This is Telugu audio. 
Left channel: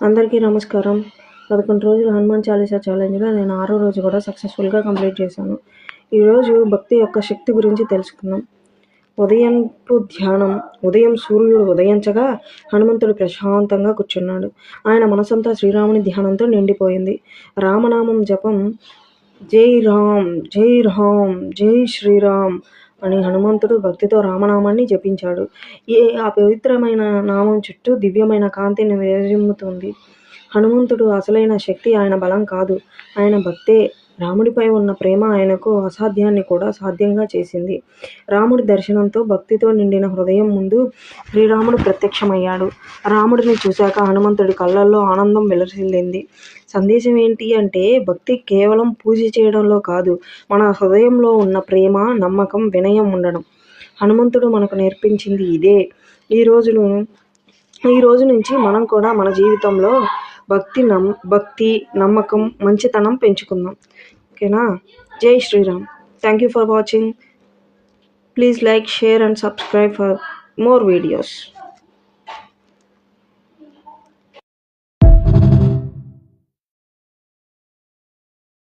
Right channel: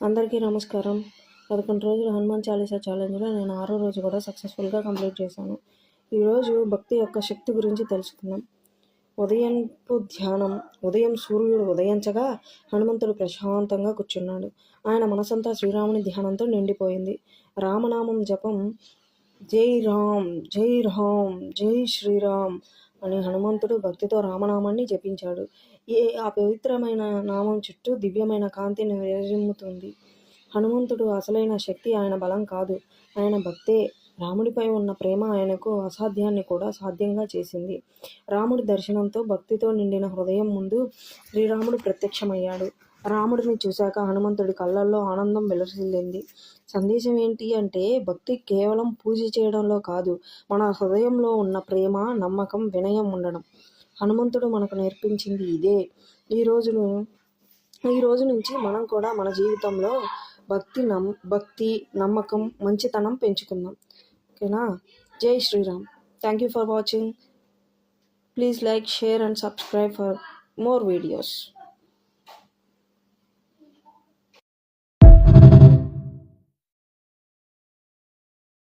అందరికీ నమస్కారం. 11 రోజుల హనుమాన్ చాలీసా ఛాలెంజ్‌లో నేను 6వ రోజు కూడా సక్సెస్‌ఫుల్‌గా కంప్లీట్ చేశాను. ఈరోజు భక్తి యొక్క శక్తి గురించి తెలుసుకుందాం. ఉదయంపు ధ్యానం. ఉదయం సూర్యుడు ఉదయించగా హనుమంతుడు ప్రశాంతంగా కూర్చున్నాడు. ఆయన మనసంతా శ్రీరాముని ధ్యానంతో నిండిపోయింది. రామనామం జపం జై రామ్, జై రామ్, జై శ్రీరామ్ అని హనుమంతుడు భక్తితో రామనామాన్ని జపించాడు. ఆ పవిత్రమైన నామం చుట్టూ దివ్యమైన కాంతిని విరజిమ్ముతుంది. హనుమంతుడు అసలైన శక్తి ఆయన బలం కాదు, ఆయన భక్తే. రాముడిపై ఉన్న ప్రేమ ఆయనకు అసాధ్యాన్ని కూడా సాధ్యంగా చేసింది. రాముడి దర్శనంతో భక్తితో నిండిన హృదయం ముందు శ్రీరాముడు ప్రత్యక్షమయ్యాడు. రాముడిని చూశాక హనుమంతుడి కళ్ళల్లో ఆనందం వెలసిల్లింది. సందేశం ఏంటి అంటే, భక్తి కేవలం పూజ చేయడంలో కాదు, మన హృదయంలో ఉన్న ప్రేమ, నమ్మకం, వినయం ఉండడం. హనుమంతుడు మనకు నేర్పించింది ఇదే. ఈ రోజు నుంచి మనం కూడా మన జీవితంలో భక్తి, నమ్మకం, మంచితనం పెంచుకుందాం. ఓకేనా? జై Shriram. Thank you for watching. Please like, share and subscribe for more videos.